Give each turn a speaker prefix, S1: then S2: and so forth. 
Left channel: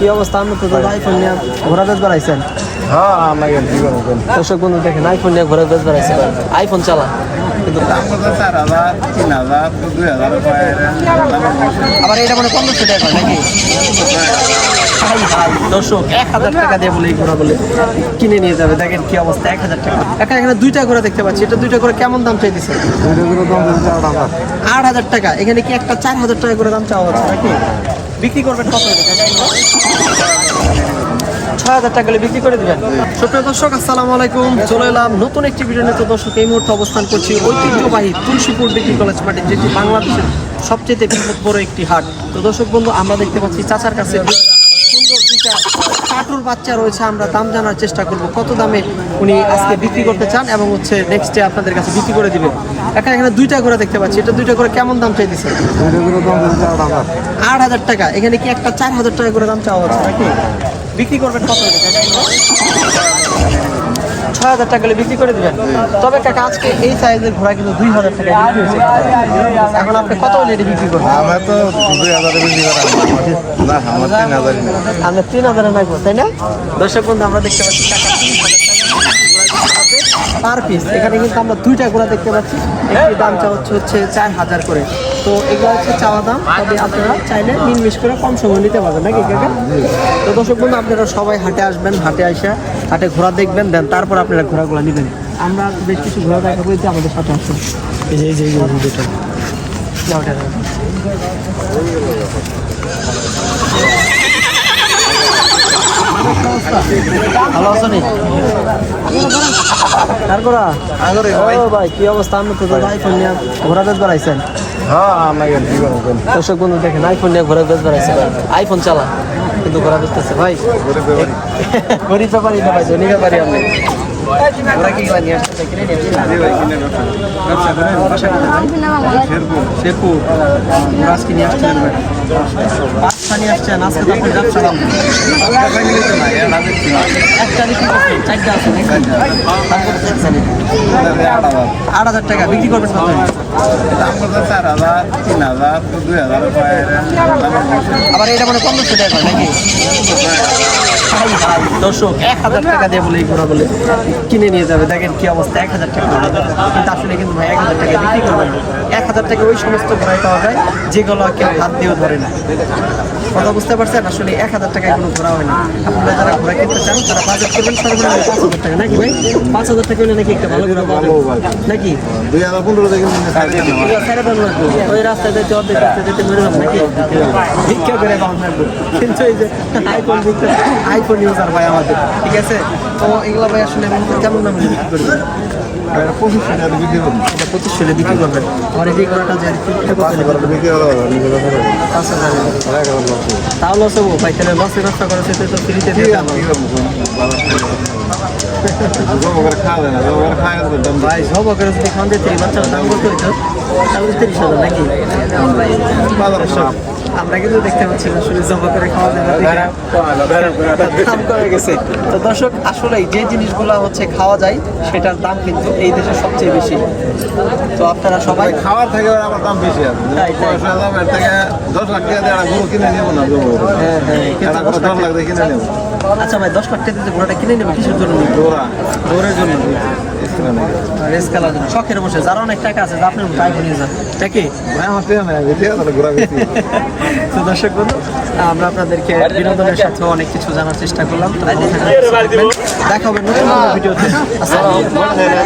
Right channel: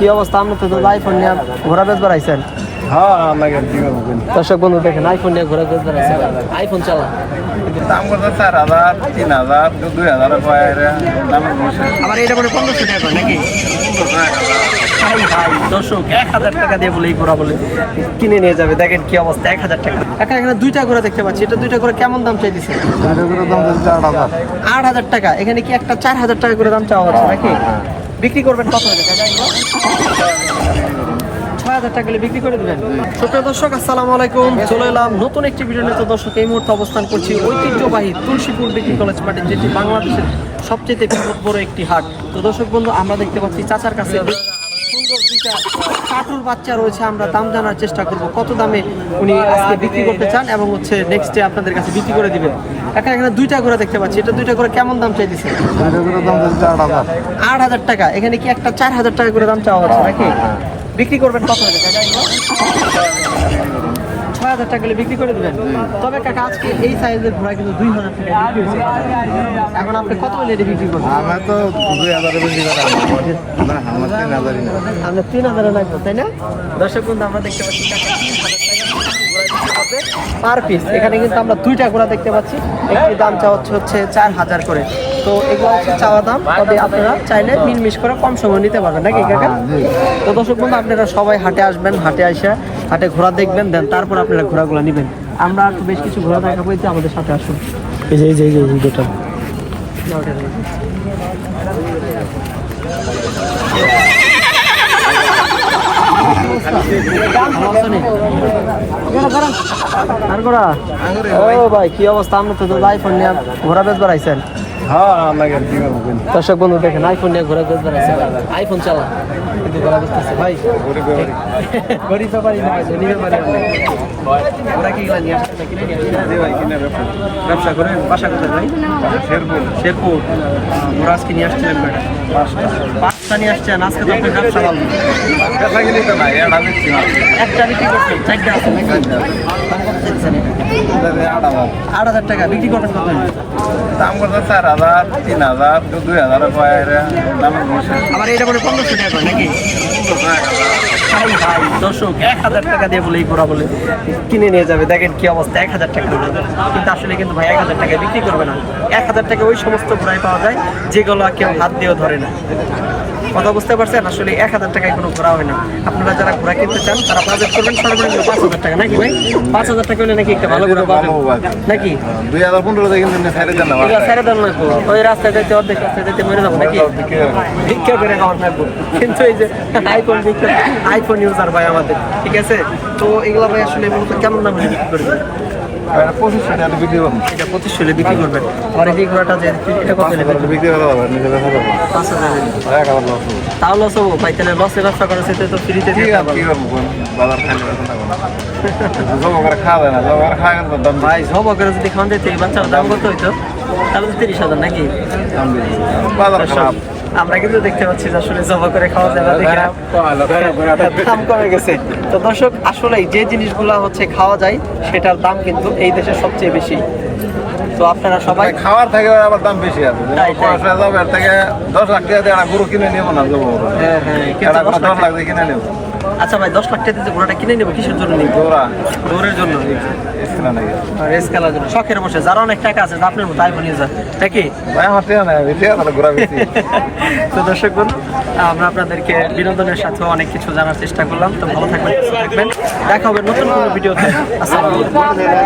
S1: কি অবস্থা? আপনি তো আইফোন নিয়ে ঘোরা বেশ বেড়াইছেন
S2: হ্যাঁ আমাকে
S1: দর্শক বন্ধু দেখেন আইফোন নিয়ে ঘোরা বেশ বেড়াইছে ভাই। আইফোন চালা।
S2: দাম করতে চার হাজার তিন হাজার দুই হাজার
S1: আবার এটা মানে পনেরোশো টাকা নাকি? ভাই ভাই দর্শক এক হাজার টাকা দিয়ে বলে এই ঘোড়া বলে কিনে নিয়ে যাবে। দেখেন কি অবস্থা এক হাজার টাকা। একা এখানে দুইটা ঘোড়া দেখতে পাচ্ছি। এটা দুইটা করে কেমন দাম চাইতেছে?
S2: দুইটা করে দাম দিচ্ছে আট হাজার।
S1: আট হাজার টাকা। এখানে কি একটা চার হাজার টাকা করে দাম চাওয়া হচ্ছে নাকি? বিক্রি করবেন কত হলে ছয় হাজার টাকা বিক্রি করে দিবেন। আসসালামু আলাইকুম। চলে এলাম নতুন একটি এই মুহূর্তে অবস্থান করছি ঐতিহ্যবাহী ডিগ্রি কলেজ মাঠে যেটি বাংলাদেশের সবচেয়ে একটি হাট। তো দর্শক বন্ধু, আমরা দেখতে পাচ্ছি চাচার কাছে সুন্দর কাটুর বাচ্চা রয়েছে। আমরা দাম জানার চেষ্টা করব, কত দামে উনি আজকে বিক্রি করতে চান এবং হচ্ছে নেক্সট ডে আপনাদের কাছে বিক্রি করে দিবেন। এখানে এখানে দুইটা করে দেখতে পাচ্ছি। এটা দুইটা করে কেমন দাম চাইতেছেন
S2: দুইটা করে দাম দিচ্ছে আট হাজার।
S1: আট হাজার টাকা। এখানে কি একটা চার হাজার টাকা করে দাম চাওয়া হচ্ছে নাকি? বিক্রি করবেন কত হলে কাকা এগুলো? ছয় হাজার টাকা বিক্রি করে দিবেন। তবে কাকা আজকে এই সাইজের ঘোড়া কিন্তু দুই হাজার টাকা বিক্রি হয়েছে। এখন আপনি কত এটা বিক্রি করবেন?
S2: আমি তো দুই হাজারে বেশি করে না আমার তিন হাজারই নেই
S1: আমরা তিন হাজারে লাগবো তাই না? দর্শক বন্ধু আমরা দেখতে পাচ্ছি টাকা তিন হাজার টাকা পার পিস এখানে কিন্তু আমরা দুইটা ঘোড়া দেখতে পাচ্ছি। একটি দাম চাওয়া হচ্ছে হচ্ছে চার হাজার করে। তো এগুলো হচ্ছে চাওয়া দাম। তবে আপনারা চাইলে মিনমিশ করে কম সময় নিতে পারবেন নাকি কাকা? তো দর্শক বন্ধু আপনারা সবাই হাটে আসবেন হাটে আসা হাটে ঘোড়া দেখবেন দেন তারপর আপনারা ঘোড়াগুলো নেবেন। আমরা বেশ কিছু ঘোড়া দেখাবো এই যে আমাদের সাথে আসুন। এই যে যে? ভালো আছো নি? কার?
S2: আরে ভাই
S1: ভাই, কি অবস্থা আপনি তো আইফোন নিয়ে ঘোরা বেশ বেড়াইছেন
S2: হ্যাঁ আমাকে কি করব বল
S1: দর্শক বন্ধু দেখেন আইফোন নিয়ে ঘোরা বেশ বেড়াইছে ভাই আইফোন চালা কিন্তু ঘোরা বেচতেছে ভাই
S2: গরিব ব্যাপারী
S1: গরিব ব্যাপারই না ভাই ধনী ব্যাপারই আপনি ঘোরা কি গেলা নিয়ে আসছেন ভাই, কিনে নিয়ে আসছেন
S2: ভাই ব্যবসা
S1: করেন বাসা কোথায় ভাই
S2: শেরপুর
S1: শেরপুর ঘোরা নিয়ে আসছিলেন ভাই পাঁচটা নিয়ে আসছেন আজকে তো আপনার ব্যবসা ভালো। একটা বিক্রি করছেন চারটা আছে দাম কত চাইছেন
S2: আট হাজার
S1: টাকা বিক্রি করবেন কত?
S2: দাম করতে চার হাজার তিন হাজার দুই হাজার
S1: আবার এটা মানে পনেরোশো টাকা নাকি? ভাই ভাই দর্শক এক হাজার টাকা দিয়ে বলে এই ঘোড়া বলে কিনে নিয়ে যাবে। দেখেন কি অবস্থা এক হাজার টাকা। কিন্তু আসলে কিন্তু ভাই এক হাজার টাকায় বিক্রি করবে না। এক হাজার টাকা ওই সমস্ত ঘোড়াই পাওয়া যায় যেগুলো কেউ হাত দিয়েও ধরে না। কথা বুঝতে পারছেন? আসলে এক হাজার টাকায় কোনো ঘোরা হয় না। আপনারা যারা ঘোরা কিনতে চান তারা বাজেট করবেন সর্বনিম্ন পাঁচ হাজার টাকা। নাকি ভাই? পাঁচ হাজার টাকা হলে নাকি একটা ভালো ঘোরা পাওয়া যাবে নাকি?
S2: দুই হাজার পনেরো থেকে
S1: লাগবো ওই রাস্তায় যাইতে অর্ধেক রাস্তায় যেতে মরে যাব নাকি? ভিক্ষা করে খাওয়ান লাগবো কিন্তু এই যে আইফোন ভিক্ষা আইফোন ইউজার ভাই আমাদের ঠিক আছে? তো এগুলো ভাই আসলে মূলত কেমন দামে বিক্রি করবেন?
S2: এটা পঁচিশশো বিক্রি
S1: করবেন। আর এই যে ঘোড়াটা যে কত
S2: বিক্রি করতে পারবেন
S1: পাঁচ হাজার তাও লস হব ভাই তাহলে লসে ব্যবসা করে সেটা তো ফ্রিতে ভাই সব করে যদি খাওয়ান যেতে বাচ্চার দাম করতে হইতো? তাহলে তিরিশ হাজার নাকি? আমরা কিন্তু দেখতে পাচ্ছি যে আসলে জবা করে খাওয়া যায় না দেখে দাম কমে গেছে। তো দর্শক আসলেই যে জিনিসগুলো হচ্ছে খাওয়া যায় সেটার দাম কিন্তু এই দেশে সবচেয়ে বেশি। তো আপনারা সবাই
S2: খাওয়ার থেকে আবার দাম বেশি আছে।
S1: তাই, তাই।
S2: থেকে দশ লাখ টাকা দিয়ে গরু কিনে নেব না
S1: হ্যাঁ হ্যাঁ দশ লাখ
S2: দিয়ে কিনে নেব।
S1: আচ্ছা ভাই দশ লাখ টাকা দিয়ে ঘোড়াটা কিনে নেব কিসের জন্য নিব?
S2: দৌড়া
S1: দৌড়ের জন্য।
S2: কিনে নেবে
S1: রেস খেলার জন্য। শখের বসে যারা অনেক টাকা আছে আপনার মতো আইফোন ইউজার নাকি
S2: আমার ঘোরা বেশি
S1: তো দর্শক বন্ধু আমরা আপনাদেরকে বিনোদনের সাথে অনেক কিছু জানার চেষ্টা করলাম। তো ভালো থাকবেন থাকবেন। দেখা হবে নতুন কোনো ভিডিওতে। আসসালামু আলাইকুম।